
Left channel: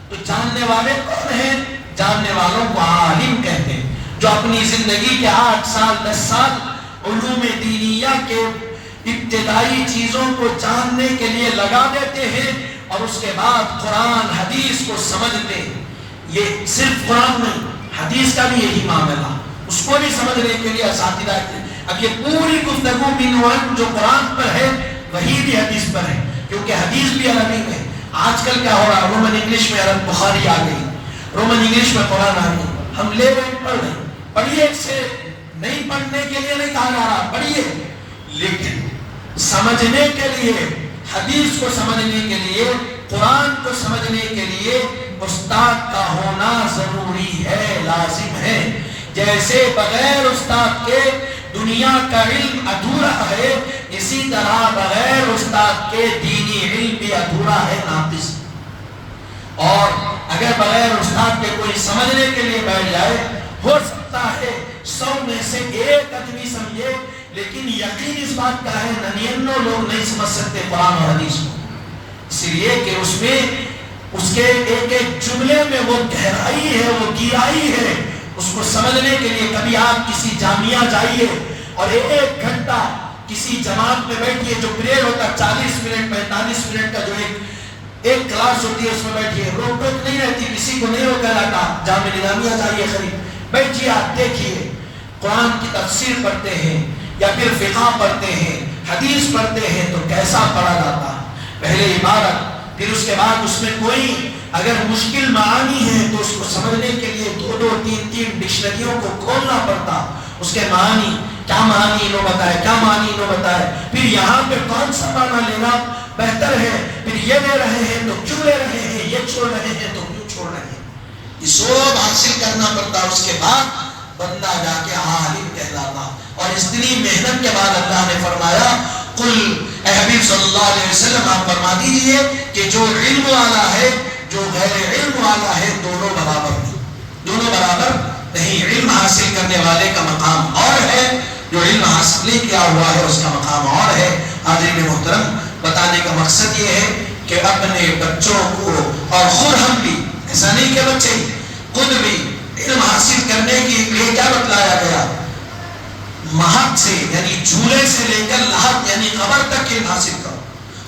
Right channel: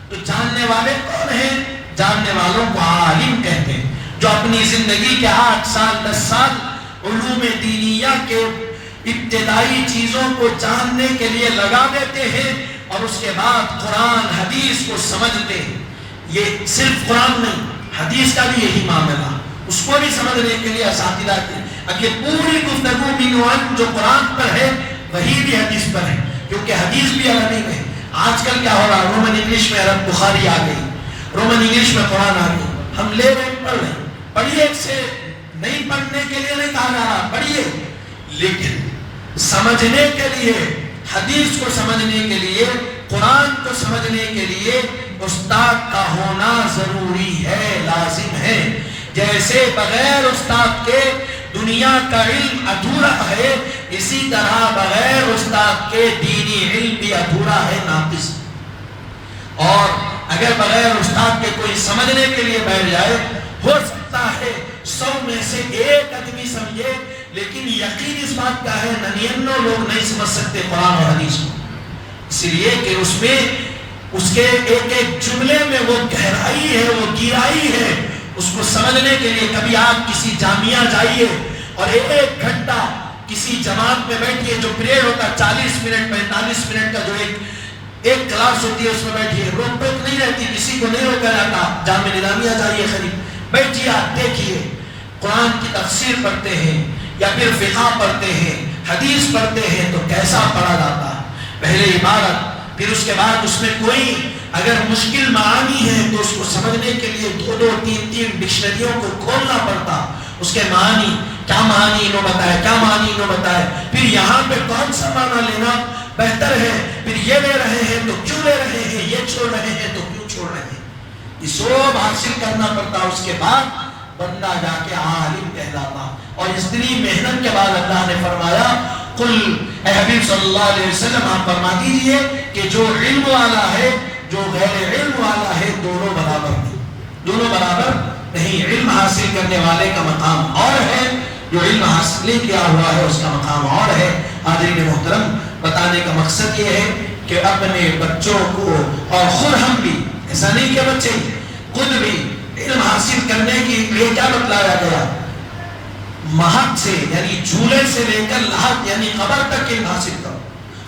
تو جاننے والے کون ہیں؟ جاننے والوں کو عالم کہتے ہیں، جو اپنی زندگی کے 8 سال 10 سال علوم دینیہ کے ابتدائی چیزوں کو جاننے کے لیے لگا دیتے ہیں، اور اس کے بعد قرآن حدیث کو سمجھتے ہیں. یہ صرف قرآن نہیں، حدیث کا بھی یہی معاملہ، اس کو بھی سمجھنے کے لیے اساتذہ کے. اب یہ پوری گفتگو بنوان جو قرآن پر ہے وہی بھی حدیث پر ہے، کیونکہ حدیث بھی عربی میں. آج کل کیا ہو رہا، رومن انگلش میں عرب بخاری آ گئی، رومن انگلش میں قرآن آ گئی، ہم لے رہے پڑھ رہے. پڑھیے سے نہیں پڑھنے کے لیے نہیں کہا جا رہا، پڑھیے، لیکن سمجھنے کے لیے، حدیث کو سمجھنے کے لیے، قرآن کو سمجھنے کے لیے استاد کا ہونا ضروری ہے، لازم ہے. جیسے بغیر استاد کے دنیا کا علم ادھورا ہے، اسی طرح بغیر استاد کے دینی علم بھی ادھورا ہے، ناقص. اور اگر بغیر استاد کے کوئی سمجھنے کے لیے بیٹھ جائے، ہو سکتا ہے 100 میں سے 1 آدمی سمجھے، لیکن یقین اس بات کا ہے 99 لوگ نہیں سمجھ سکتے قرآن اور حدیث کو. اس لیے کہ اس میں اس کے ایک ایک جملے میں وہ گہرائی ہے، وہ گہرائی ہے. اس کو سمجھنے کے لیے کبھی آپ کسی جامعہ جائیے اور 1 گھنٹہ کسی جماعت میں بیٹھیے، جو پیریڈ ہوتا ہے 40 منٹ 45 منٹ کا، جو ایک کلاس ہوتی ہے اس میں بیٹھیے، روک ٹوک نہیں رہتی، کسی کو نہیں روکا جاتا. جامعہ نظامیہ جائیے، خرید بیٹھیے، آپ دیکھیے قرآن کی تفسیر پڑھتے ہیں یا پھر فقہ پڑھتے ہیں، حدیث پڑھتے ہیں، تو کیسا پڑھا جاتا؟ پہلے عبارت، پھر اس کے بعد اس میں کوئی اگر مشکل معانی ہے تو اس کو سمجھنے کے لیے 2 3 ڈکشنریوں کو کھولنا پڑتا. اس کے معنی کیا، معنی انہوں بتائے، کیا معنی انہوں بتائے، پھر یہاں پہ کون سا معنی لینا بہتر ہے، پھر یہ لے رہے ہیں تو کیوں لے رہے ہیں، یہ چھوڑ رہے ہیں تو کیوں چھوڑ رہے ہیں. یہ سب حاصل کرنا پڑتا. اس کے بعد بندہ جا کے عالم کہلاتا. اور اتنی محنت کے بعد اللہ نے فرمایا قل، اے حبیب صلی اللہ علیہ وسلم آپ فرما دیجئے کہ جو علم والا ہے، جو غیر علم والا ہے، دونوں برابر نہیں، دونوں برابر نہیں. علم حاصل کرنے والے کا مقام اور ہے، جو علم حاصل نہیں کیا ہوا ہے اس کا مقام اور ہے. حاضرین محترم، بتانے کا مقصد یہ ہے کہ اپنے بچوں کو، اور خود ہم بھی، ایسا نہیں کہ بچے، خود بھی علم حاصل کرنے کے لیے کیا بتلایا گیا؟ مہد سے یعنی جھولے سے لے کر لحد یعنی قبر تک علم حاصل کرو،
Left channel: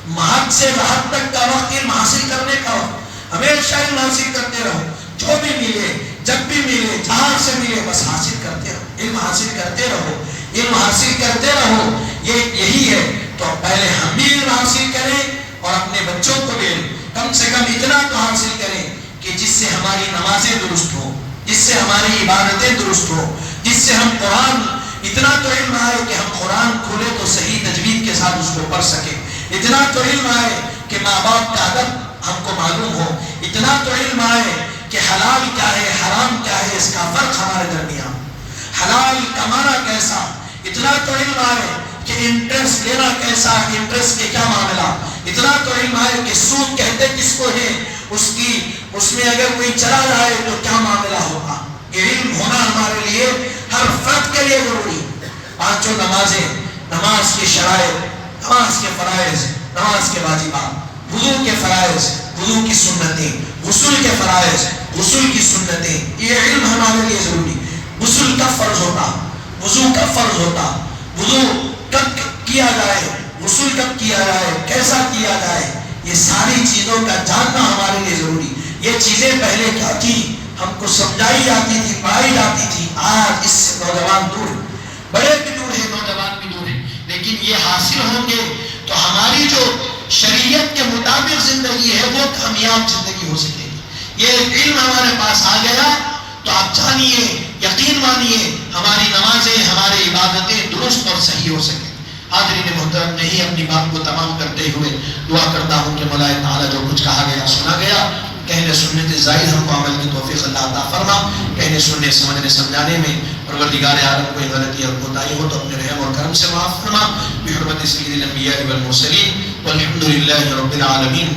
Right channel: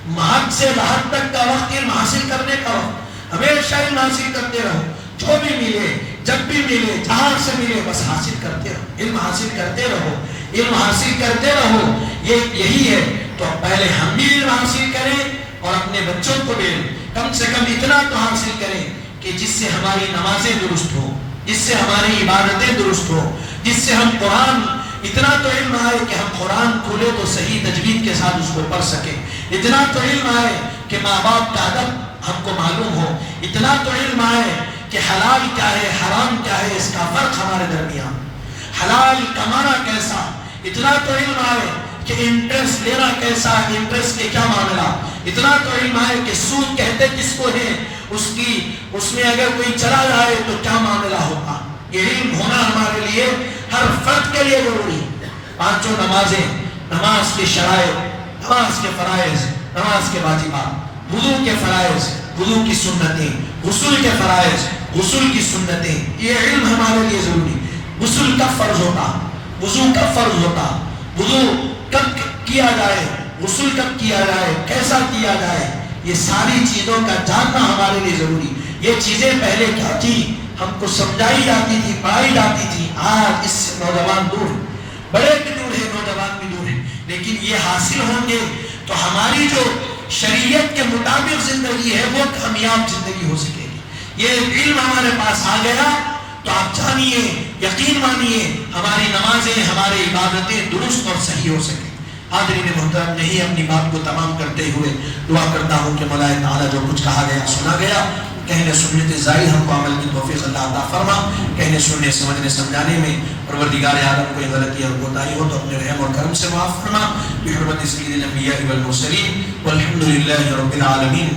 مہد سے لحد تک کا وقت علم حاصل کرنے کا وقت، ہمیشہ علم حاصل کرتے رہو، جو بھی ملے جب بھی ملے جہاں سے ملے بس حاصل کرتے رہو، علم حاصل کرتے رہو، علم حاصل کرتے رہو، یہی ہے۔ تو پہلے ہم بھی علم حاصل کریں اور اپنے بچوں کو بھی کم سے کم اتنا تو حاصل کریں کہ جس سے ہماری نمازیں درست ہو، جس سے ہماری عبادتیں درست ہو، جس سے ہم قرآن اتنا تو علم آئے کہ ہم قرآن کھولے تو صحیح تجوید کے ساتھ اس کو پڑھ سکیں، اتنا تو علم آئے کہ ماں باپ کا ادب ہم کو معلوم ہو، اتنا تو علم آئے کہ حلال کیا ہے حرام کیا ہے اس کا فرق ہمارے درمیان، حلال کمانا کیسا، اتنا تو علم آئے کہ انٹرسٹ لینا کیسا، انٹرسٹ کے کیا معاملہ، اتنا تو علم آئے کہ سود کہتے کس کو ہے، اس میں اگر کوئی چلا جائے تو کیا معاملہ ہوگا۔ یہ علم ہونا ہمارے لیے ہر فرد کے لیے ضروری ہے۔ پانچوں نمازیں، نماز کے شرائط، نماز کے فرائض، نماز کے واجبات، وضو کے فرائض، وضو کی سنتیں، غسل کے فرائض، غسل کی سنتیں، یہ علم ہمارے لیے ضروری۔ غسل کب فرض ہوتا، وضو کب فرض ہوتا، وضو کب کیا جائے، غسل کب کیا جائے، کیسا کیا جائے، یہ ساری چیزوں کا جاننا ہمارے لیے ضروری۔ یہ چیزیں پہلے کیا تھی، ہم کو سمجھائی جاتی تھی، پڑھائی جاتی تھی، آج اس سے نوجوان دور ہیں، بڑے بھی دور ہیں، نوجوان بھی دور ہیں، لیکن یہ حاصل ہوں گے تو ہماری جو شریعت کے مطابق زندگی ہے وہ کامیاب زندگی ہو سکے گی۔ یہ علم ہمارے پاس آ گیا تو آپ جانیے، یقین مانیے، ہماری نمازیں، ہماری عبادتیں درست اور صحیح ہو سکیں۔ حاضرین محترم، یہی اپنی بات کو تمام کرتے ہوئے دعا کرتا ہوں کہ مولا تعالیٰ جو کچھ کہا گیا سنا گیا، کہنے سننے سے زائد ہم کو عمل کی توفیق اللہ عطا فرما، کہنے سننے سمجھنے سمجھانے میں پروردگار عالم کوئی غلطی اور کوتاہی ہو تو اپنے رحم اور کرم سے معاف فرما، بحرمت سید الانبیاء والمرسلین والحمد للہ رب العالمین۔